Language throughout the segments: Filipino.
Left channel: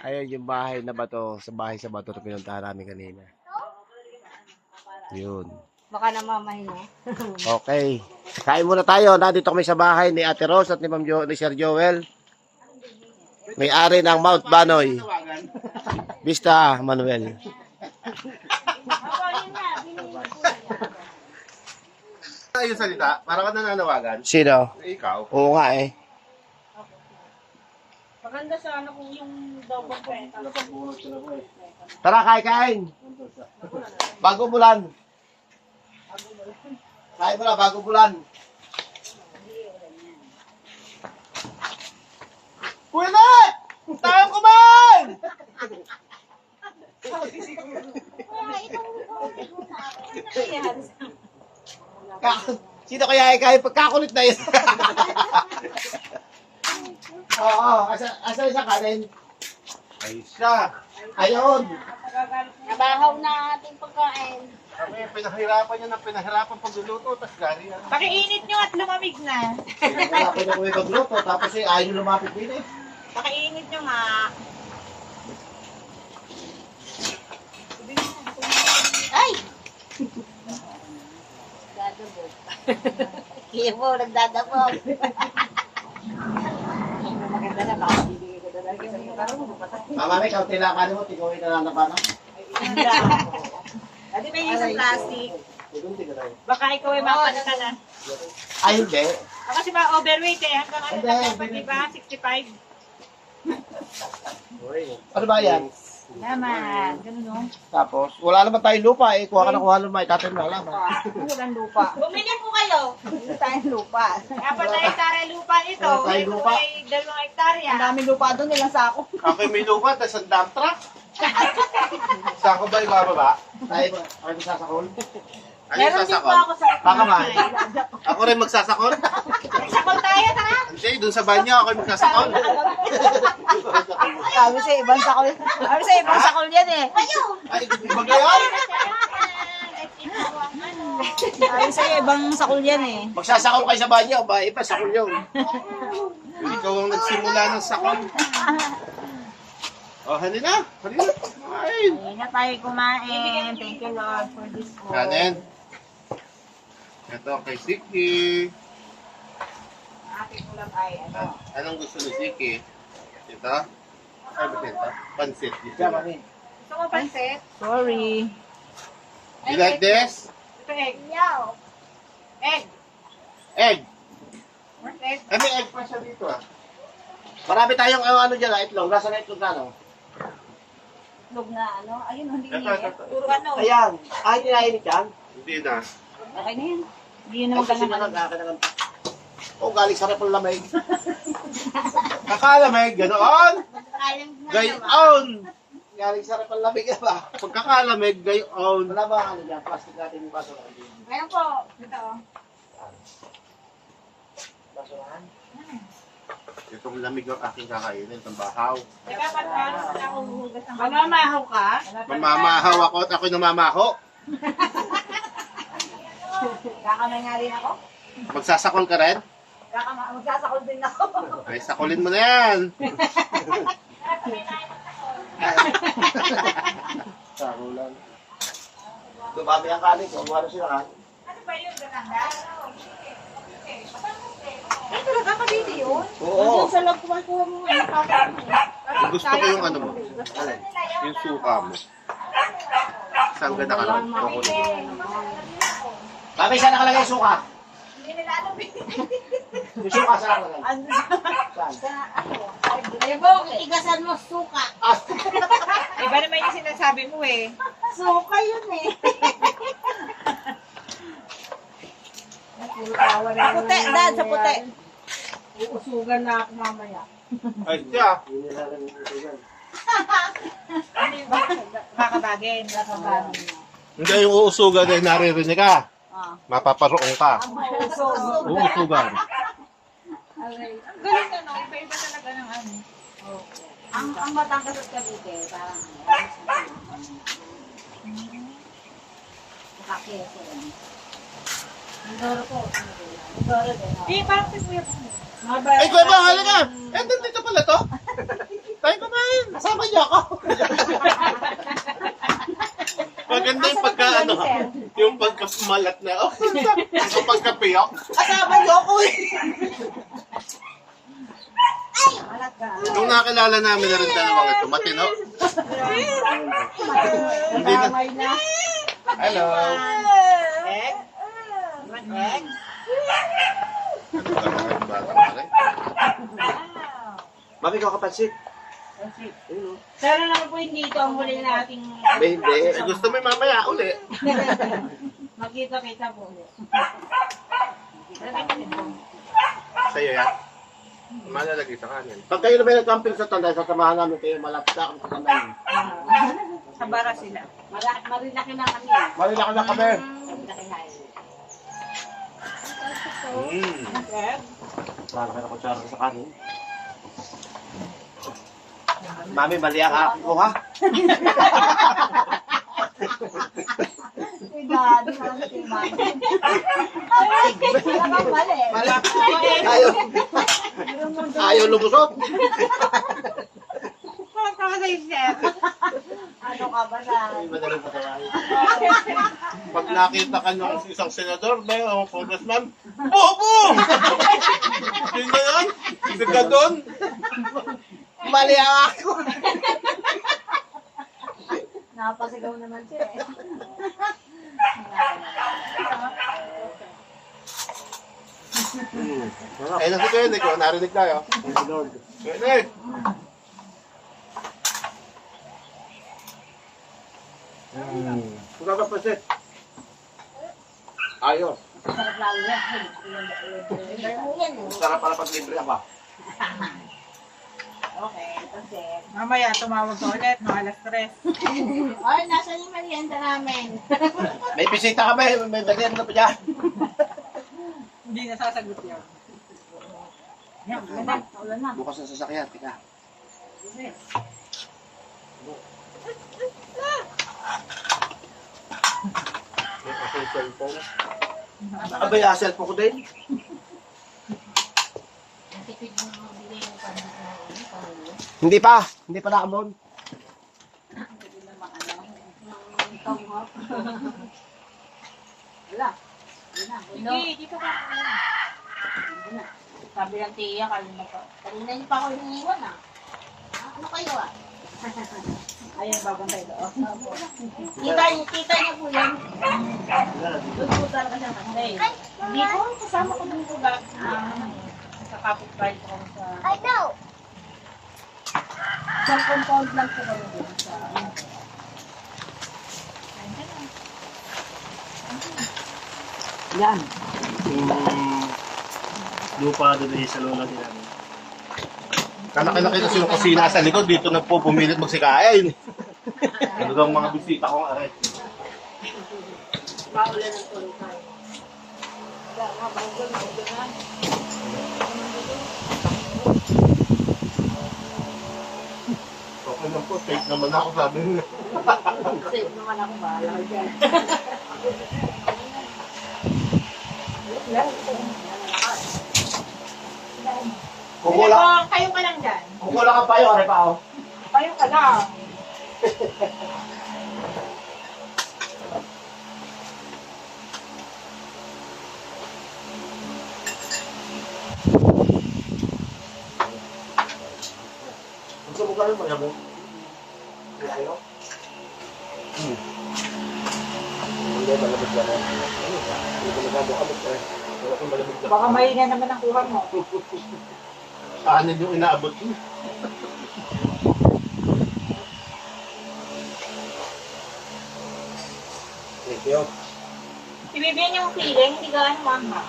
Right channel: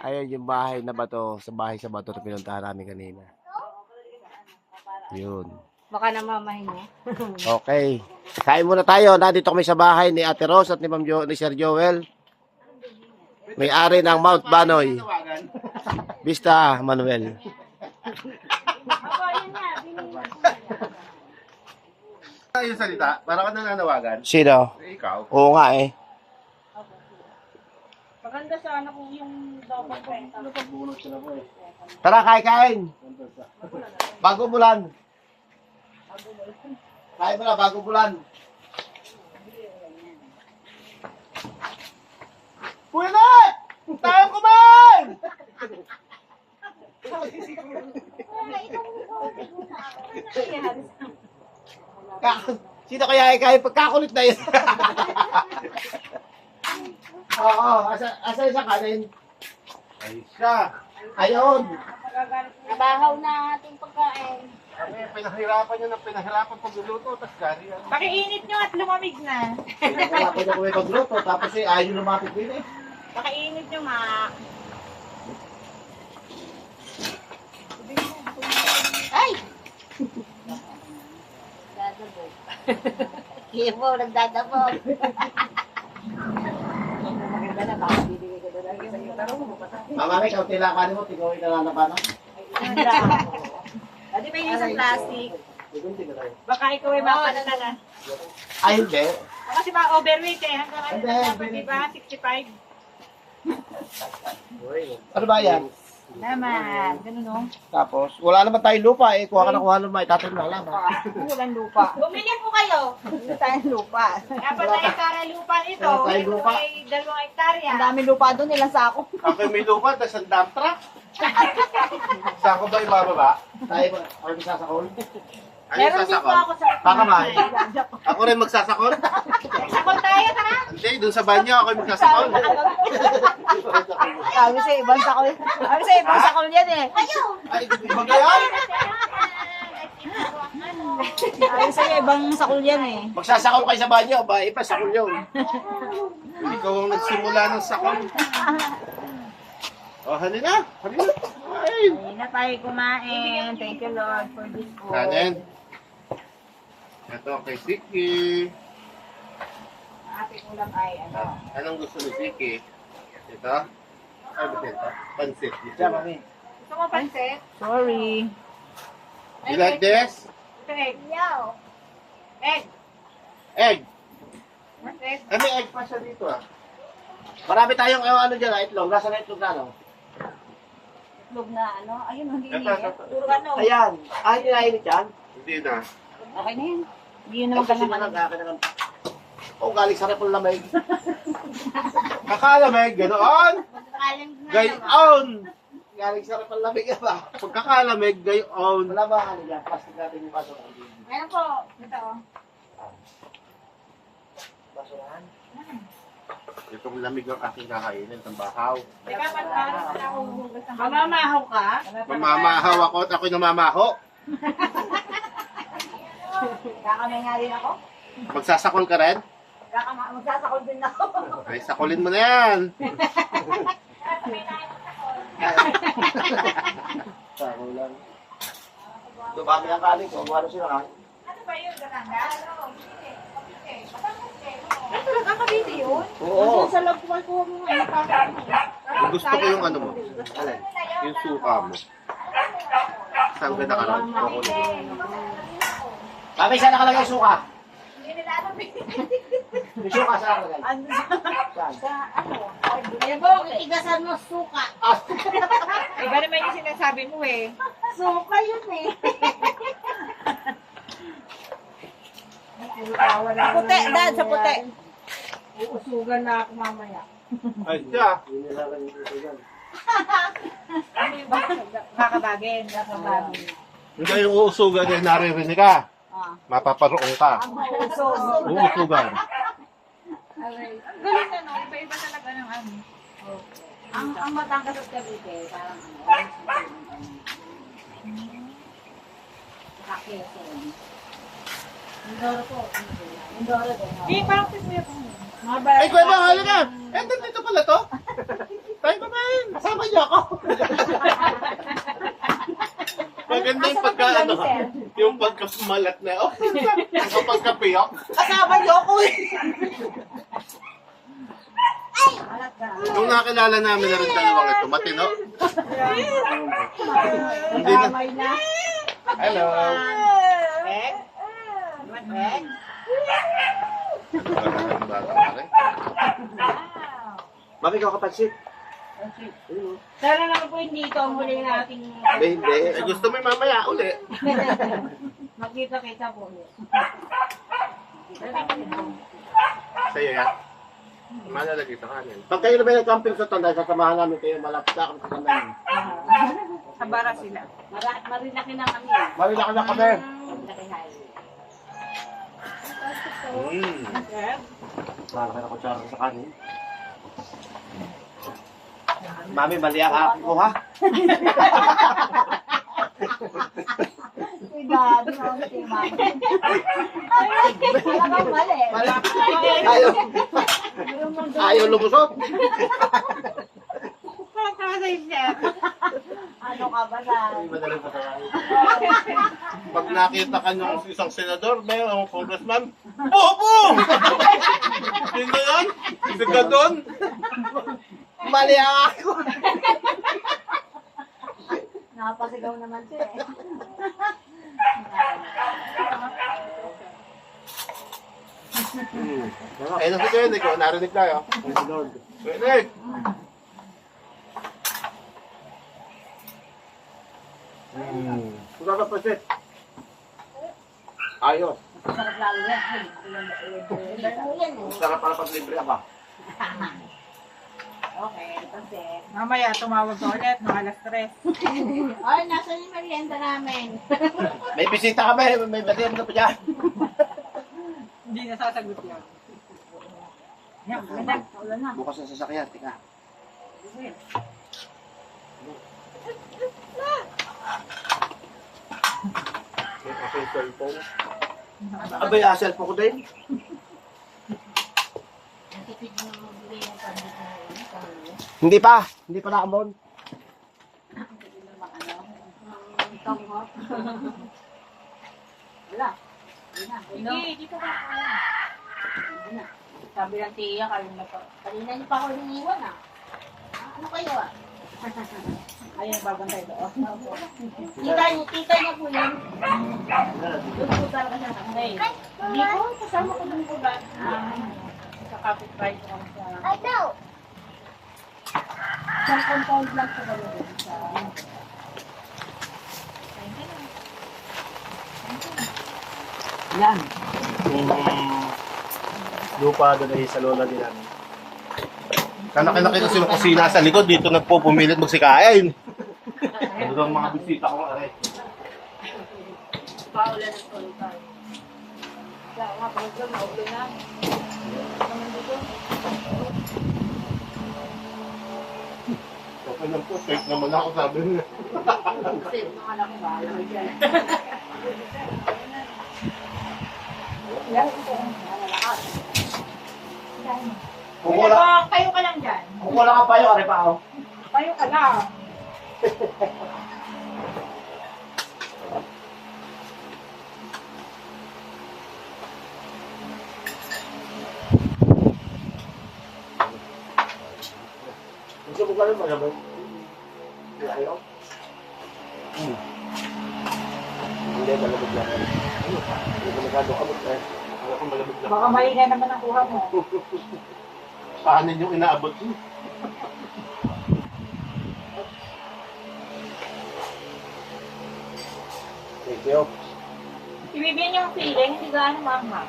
Ayan yung bahay na bato, sa bato na pinuntahan namin kanina. Yun. Baka namamahin mo. Okay. Kain muna tayo. Nandito kami sa bahay ni Ate Rose at ni Sir Joel. May-ari ng Mount Banoy. Vista Manuel. Ano yung salita? Para ka nananawagan? Sino? Ikaw? Oo nga eh. Maganda sana kung yung daw Tara, kain. Bago bulan. Kain mo na, bago bulan. Pwede! Tayo kumain! Sino kaya kain? Pagkakulit na yun. Oo, asa yung kanin? Ay siya! Ayun. Nabahaw na ang ating pagkain. Kami pinahirapan niya ng pinahirapan pagluluto, tapos gari yan. Pakiinit nyo at lumamig na. Wala pa niya kami magluto, tapos ayaw lumapit din eh. Pakiinit nyo nga. Ay! Dadabog. Kaya mo, nagdadabog. Maganda na, baka bibigay ko talaga sa iyo. Parang bumapatay. Mama, may kaunti lang kanin mo, tigawin na lang na paano? Dati may isang plastic. Tigawin na lang. Baka ikaw ay mapalata na. Ay, hindi. Kasi ba overweight eh. Hanggang ano Hindi, na dapat, hindi. diba? 65. Ano ba yan? Naman. Ganun no? Tapos, wala naman tayong lupa eh. Kuha ka na kuha lumay, tatay mo lang. Walang lupa. Bumili po kayo. Hindi tayong lupa. Apat na hektare lupa nito. Wala tayong Ito lupa. ay 2 hektarya. Ang daming lupa doon, ilang sako. Ako may lupa, tapos ang dump truck. Sako ba yung bababa? Tayo mo, ako sasakol. Ano yung sasakol? sa Baka man. Ako rin magsasakol? Sakol tayo, tara. Hindi, dun sa banyo ako yung magsasakol. Sabi sa ibang sakol. Sabi sa ibang sakol yan eh. Ay, iba gayon? Sabi sa ibang sakol yan eh. Magsasakol kayo sa banyo, ba? Iba, sakol yun. Ikaw ang nagsimula ng sakol. Oh, halina. Halina. Ay. Hindi na tayo kumain. Thank you Lord for this food. Kanin. Ito kay Siki. Ating ulam ay ano. Anong gusto ni Siki? Ito? Ay, ba ito? Pansit. Diyan, mami. Gusto mo pansit? Sorry. You like this? Ito egg. Yaw. Egg. Egg. Egg. Ay, may egg pa siya dito ah. Marami tayong ano dyan, itlog. Nasa na itlog na, no? Itlog na ano. Ayun, hindi Ito, iniit. ito. Puro ano. Ayan. Ah, hindi nainit yan? Hindi na. Okay na yun. Hindi yun Ay, naman kasi kailangan. nalang. Oh, galing sa repol lamig. Kakalamig, ganoon. Gayon. Galing sa repol lamig ba? Pagkakalamig, gayon. Wala ba ano dyan? Plastic natin yung baso. Meron po. Ito. Basurahan? Itong lamig ang aking kakainin, itong bahaw. Teka, paano na ako huhugas ng mamamahaw ka? Mamamahaw ako at ako'y namamaho. Kakamay nga rin ako. Magsasakol ka rin? Magsasakol din ako. Ay, sakulin mo na yan. Saro lang. Dumami ang kanin ko. Ano sila ka? Ano ba yun? Gaganda? Ito lang kakabili yun? Oo. Sa loob kumakuha mo ngayon. Gusto ko yung ano mo. Alin? Yung suka mo. Saan ka nakaroon? Mami, saan nakalagay yung suka? Hindi nila alam eh. Yung suka saan nakalagay? Saan? Ay, bo, itigasan mo suka. Ah, Iba naman yung sinasabi mo eh. Suka yun eh. Sa puti, dad, sa puti. Uusugan na ako mamaya. Ay, siya. yun yung lalang dito yan. Kakabagin. Hindi yung uusugan ay naririnig ka. Ah. Mapaparoon ka. Usog. Uusugan. Ang galing na no. Iba-iba talaga ng ano. Ang Batangas at Cavite, parang saka keso rin. Mindoro po. Mindoro din. Di, parang kuya pa. Ay, kuya ba, halika. Eh, dito pala to. Tayo kumain. Kasama niyo ako. Maganda yung Asa pagka, ba ano, sir? yung pagkamalat na, oh, yung pagkapiyok. Kasama niyo ako eh. Alat ka. Nung nakilala namin na rin dalawang ito, matino. Hindi na. Kamay na. Hello. Egg? Egg? Ang bata na rin. Mami, ikaw kapansit. Pero naman po hindi ito ang huli nating Hindi. Eh, gusto mo yung mamaya uli. magkita-kita po ulit. Sa'yo yan. Malalagay sa kanin. Pag kayo na may nag-camping sa Tanday, sasamahan namin kayo malapsa kami sa Tanday. Sa bara sila. Marilaki na kami. Marilaki na kami. Marilaki na. Malaki na kutsara sa kanin. Mami, mali ang akin ko, ha? Si Daddy, si Mami. Talagang mali. Ayaw. Ayaw lumusot. Ano ka ba na? Madaling patawain. Pag nakita ka ng isang senador, may o congressman, bobo! Sino yun? Si Gadon? Mali ang ako. Napasigaw naman siya eh. Eh, nasi kayo, Nick. Narinig tayo. Nick! Kuka ka pansit. Ayos. Sarap lalo yan. Sarap pala pag libre ka ba? Okay, kasi. Mamaya, tumawag ka ulit, mga alas 3. Ay, nasa yung merienda namin. May bisita kami. May merienda pa dyan. Hindi na sasagot yan. Yan, ganda. Ulan na. Bukas na sasakyan. Tika. May akong cellphone. Abay, cellphone ko din. Hindi pa. Hindi pa naambon. Wala. Hindi, dito ka. Hindi na. Sabi ng tiya, kanina pa. Kanina niyo pa ako iniwan ah. Ano kayo ah? Ayun, babantay doon. Kita niya po yan. Doon po talaga siya kanday. Hindi po, kasama ko ng pula. Sa kapit-bahay ko sa... I know! Sa compound lang po kami doon sa... Yan. Lupa doon ay sa lola din namin. Kalaki-laki kasi yung kusina sa likod, dito nagpupumilit magsikain. Ano daw ang mga bisita kong aray? Paulan ng tulipay. Kaya nga, bago na ulan na. Okay lang po, safe naman ako sabi nila. Safe naman ako, bahala ka dyan. Kukula. Kayo ka lang dyan. Kukula ka pa yun. Ano pa ako? Kayo ka lang. Gusto mo ka rin malamig? Ayaw? Hindi, malamig lang. Ano pa? Hindi ko masyado kamot eh. Wala kang malamig na. Baka mahinga naman ang kuha mo. Kanin yung inaabot ko. Thank you. Ibibigyan niyo ang feeling, hindi gaano mama.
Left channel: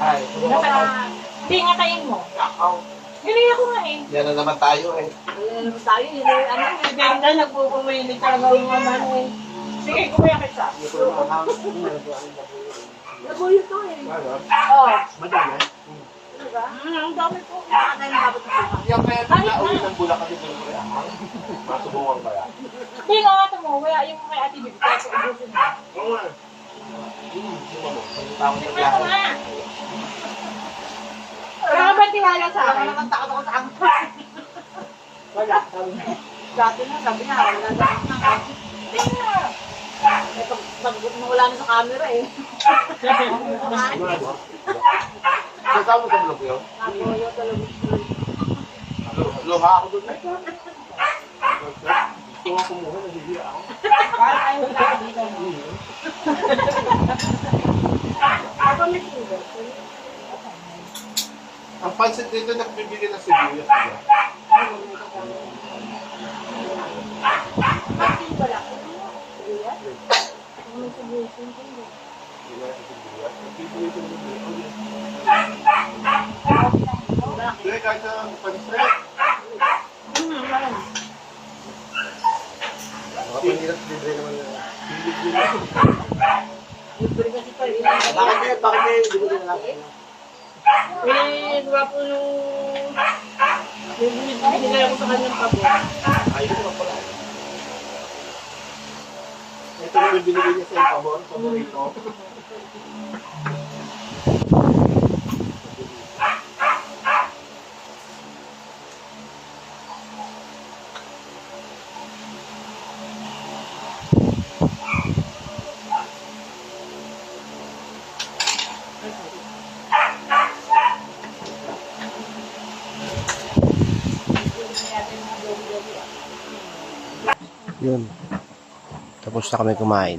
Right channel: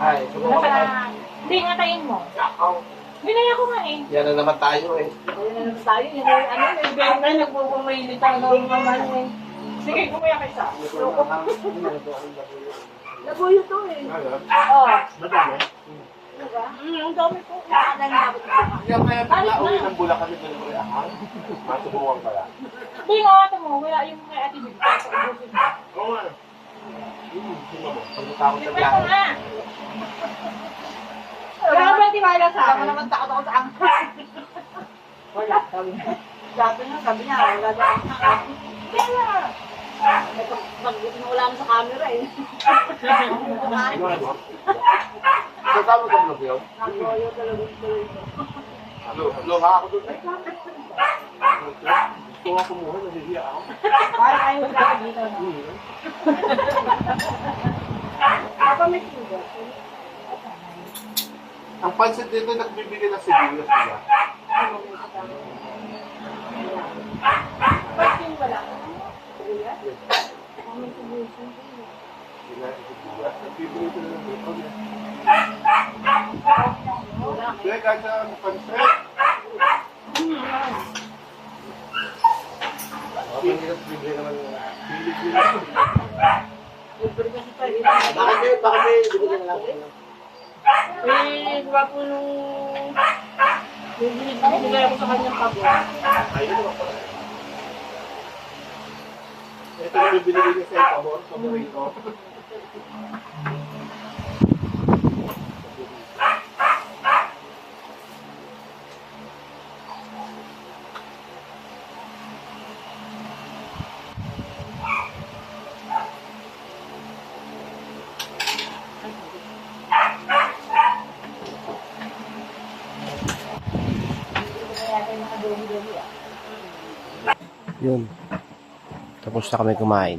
Ay, Hindi nga tayin mo. Hinay ako nga eh. yan na naman tayo eh. Ayun tayo, yun yung ano, yung Ibigyan nagpupumilit talaga ang mama eh. Sige, kumaya ka isa. Hindi ko naman hang. Hindi ko naman nabuyo to eh. Oo. Madami. Diba? Ang dami po. Ano yung dapat ito? Kaya kaya nag-auwi ng Bulacan din mo rin ahang. Masubukan ba yan? Hindi nga ito mo, kaya yung kay Ate Bibi, kaya sa ubusin mo. Oo nga. Sino mo? Pagkita ako sa Ito biyahe. nga. Wala ka ba tiwala sa Wala ka akin? naman takot ako sa angkas. Wala, sabi mo. Dati nga, sabi niya, wala daw ang hang. Hindi nga. Eh, pag nawala na sa camera eh. Kasama sa vlog yun? Nagoyo talaga. Luha ako doon. Gusto nga kumuha, nahihiya ako. Parang ayaw wala ka dito. Papa, may sugar. Ang pansit dito, nagbibili ng sibuyas, diba? Pasin pala. Kuya? Ano sa busin ko? Hindi na sa sibuyas. Nagbibili ko na ng sibuyas. Hindi, kahit sa pansit. Pangirap libre naman yun. Libre kasi pa rin. Bakit hindi mo din alam? Eh, diba po nung binigay ako sa kanyang pabo. Ayun naman pala. Ito na yung binigay niya sa yung pabor, paborito. Yun. Tapos na kami kumain.